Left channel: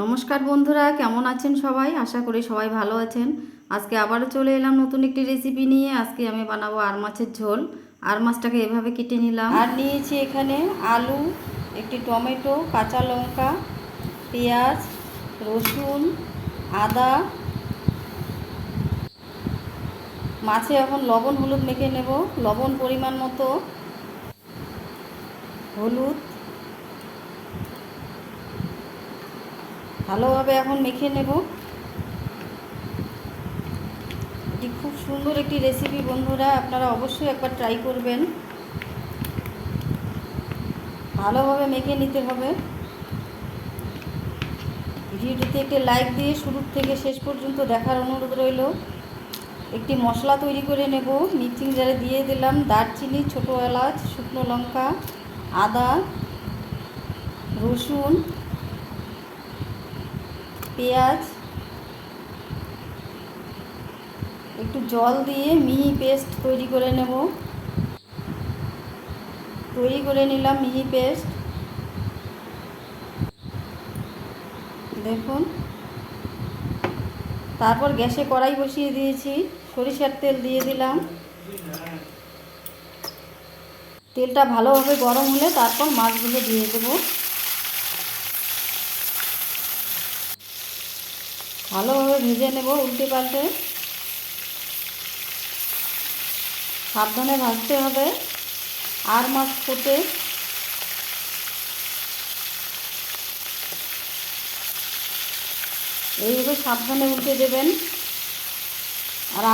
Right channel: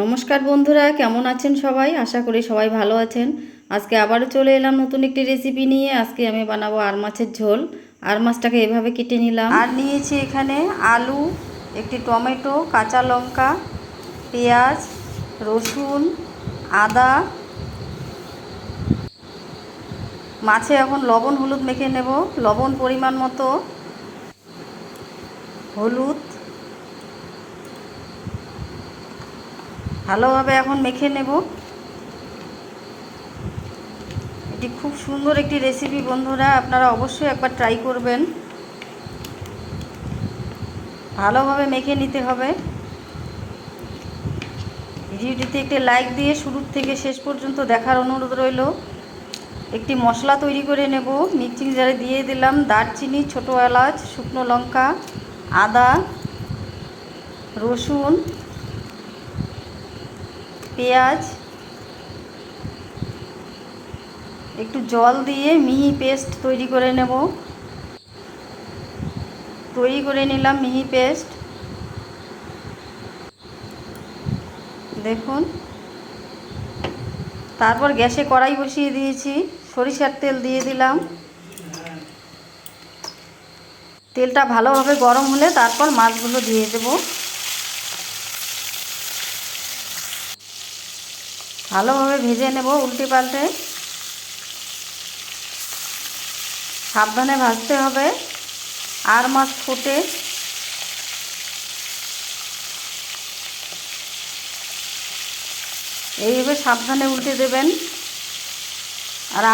নমস্কার বন্ধুরা, কেমন আছেন সবাই? আশা করি সবাই ভালো আছেন। আজকে আবারও চলে এলাম নতুন একটি রেসিপি নিয়ে। আজকে আমি বানাবো আর মাছের ঝোল। আর মাছটাকে এভাবে কেটে নিলাম। আর নিয়েছি এখানে আলু, একটি টমেটো, কাঁচা লঙ্কা, পেঁয়াজ, রসুন, আদা। মাছে এখন লবণ হলুদ মেখে নেব। লবণ পরিমাণ মতো, হলুদ ভালোভাবে এখন মেখে নেব। এটি খুব সুন্দর একটি রেসিপি বন্ধুরা, আপনারা অবশ্যই একবার ট্রাই করবেন। ভালোভাবে মেখে নিতে হবে। ভিডিওটিতে একটি লাইক দিয়ে শুরু থেকে শেষ পর্যন্ত দেখার অনুরোধ রইল। একটি মশলা তৈরি করে নেব। মিক্সিং জারে দিয়ে দিলাম দারচিনি, ছোটো এলাচ, শুকনো লঙ্কা, আদা, রসুন, পেঁয়াজ। একটু জল দিয়ে মিহি পেস্ট তৈরি করে নেব। তৈরি করে নিলাম মিহি পেস্ট। দেখুন, তারপর গ্যাসে কড়াই বসিয়ে দিয়েছি। সরিষার তেল দিয়ে দিলাম। তেলটা ভালোভাবে গরম হলে তারপর মাছগুলো দিয়ে দেব। ভালোভাবে ভেজে নেব উল্টে পাল্টে। সাবধানে ভাজতে হবে। আর মাছ ফোটে। এইভাবে সাবধানে উল্টে দেবেন।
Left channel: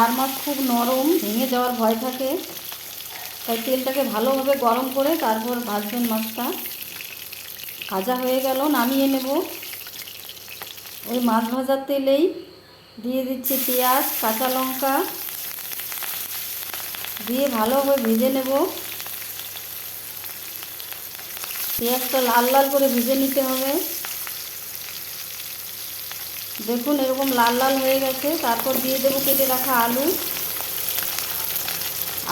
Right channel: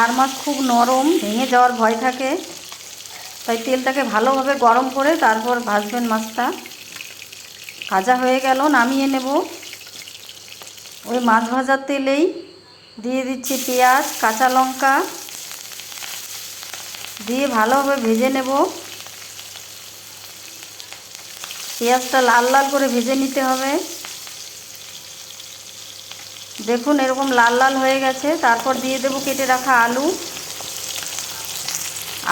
আর মাছ খুব নরম, ভেঙে যাওয়ার ভয় থাকে, তাই তেলটাকে ভালোভাবে গরম করে তারপর ভাজবেন মাছটা। ভাজা হয়ে গেল, নামিয়ে নেব। ওই মাছ ভাজার তেলেই দিয়ে দিচ্ছি পেঁয়াজ, কাঁচা লঙ্কা দিয়ে ভালোভাবে ভেজে নেব। পেঁয়াজটা লাল লাল করে ভেজে নিতে হবে। দেখুন, এরকম লাল লাল হয়ে গেছে। তারপর দিয়ে দেব কেটে রাখা আলু।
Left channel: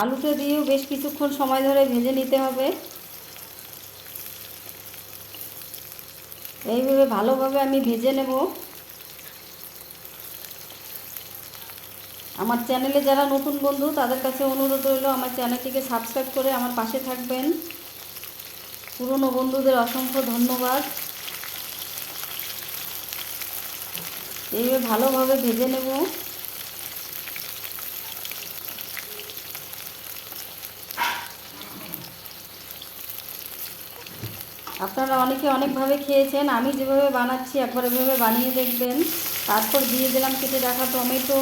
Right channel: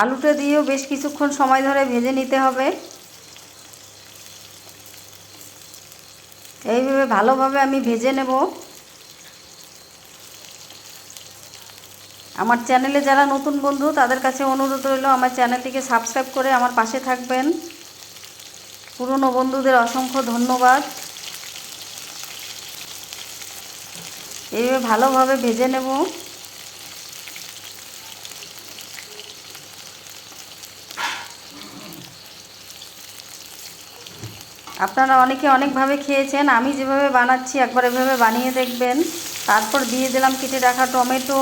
আলুটা দিয়েও বেশ কিছুক্ষণ সময় ধরে ভেজে নিতে হবে। এইভাবে ভালোভাবে আমি ভেজে নেব। আমার চ্যানেলে যারা নতুন বন্ধু তাদের কাছে অনুরোধ রইল, আমার চ্যানেলটিকে সাবস্ক্রাইব করে আমার পাশে থাকবেন। পুরনো বন্ধুদের অসংখ্য ধন্যবাদ। এইভাবে ভালোভাবে ভেজে নেব। আপনারা অনেকে অনেকভাবে খেয়েছেন, আমি যেভাবে বানাচ্ছি একবার এভাবে বানিয়ে দেখবেন। তারপর দিয়ে দিলাম কেটে রাখা টমেটো,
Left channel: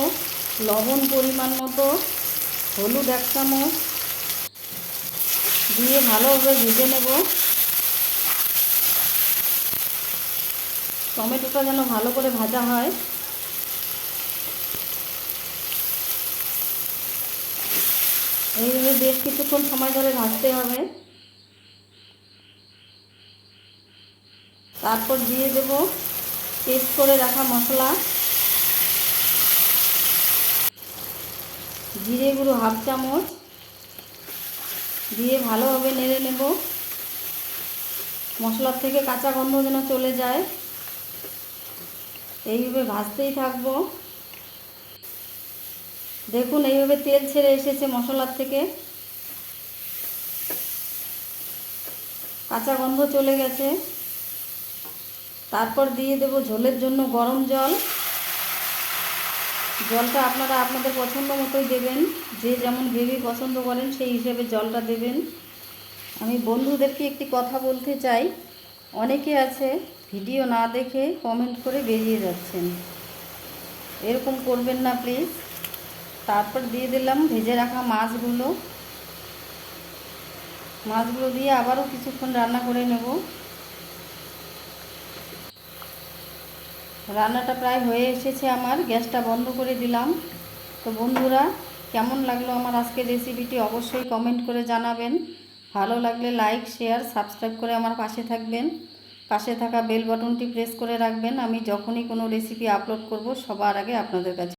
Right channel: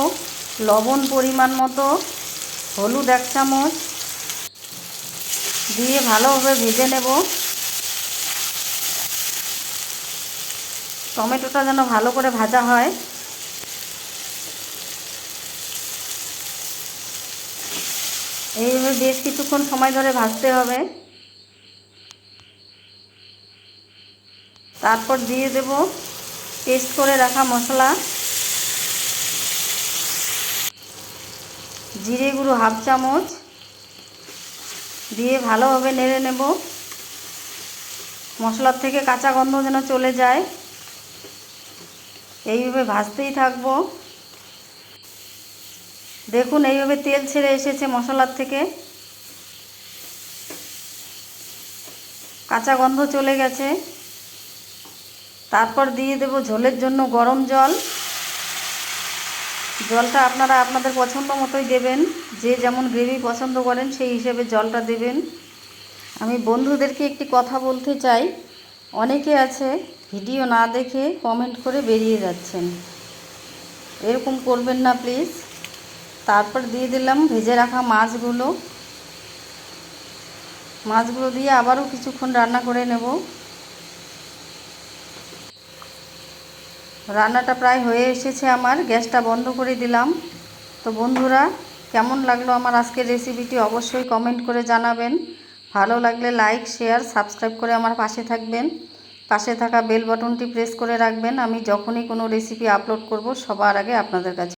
লবণ পরিমাণ মতো, হলুদ 1 চামচ দিয়ে ভালোভাবে ভেজে নেব। টমেটোটা যেন ভালো করে ভাজা হয়। এইভাবে বেশ কিছুক্ষণ সময় ধরে ভাজতে হবে। তারপর দিয়ে দেব পেস্ট করে রাখা মশলা। জিরে গুঁড়ো 1/2 চামচ দিয়ে ভালোভাবে নেড়ে নেব। মশলার থেকে কাঁচা গন্ধ যেন চলে যায়, এইভাবে ভাজতেই থাকবো। দেখুন, এইভাবে তেল ছেড়ে এসেছে মশলার থেকে, কাঁচা গন্ধ চলে গেছে। তারপর দিয়ে দেব ঝোলের জন্য গরম জল। জলটা আপনারা আপনাদের পছন্দ মতোই দেবেন, যে যেমন গ্রেভি পছন্দ করেন সেই হিসেবে জলটা দেবেন। আমি বন্ধুদেরকে একটি কথা বলতে চাই, অনেকে আছে ভিডিও না দেখে কমেন্ট করে বেরিয়ে যাচ্ছেন, এরকম করবেন না প্লিজ। তারপর দিয়ে দিলাম ভেজে রাখা মাছগুলো। মাছগুলো দিয়ে আবারও কিছুক্ষণ রান্না করে নেব। রান্নাটা প্রায় হয়ে এসেছে আমার, গ্যাসটা বন্ধ করে দিলাম। তো বন্ধুরা, কেমন লাগলো আমার আজকের রেসিপিটি অবশ্যই কমেন্ট করে জানাবেন। ভালো লাগলে লাইক, শেয়ার, সাবস্ক্রাইব করে আমার পাশে থাকবেন। পাশে থাকা বেল বাটনটি প্রেস করে রাখবেন। আমি যখনই কোনো রেসিপি আপলোড করব সবার আগে আপনাদের কাছে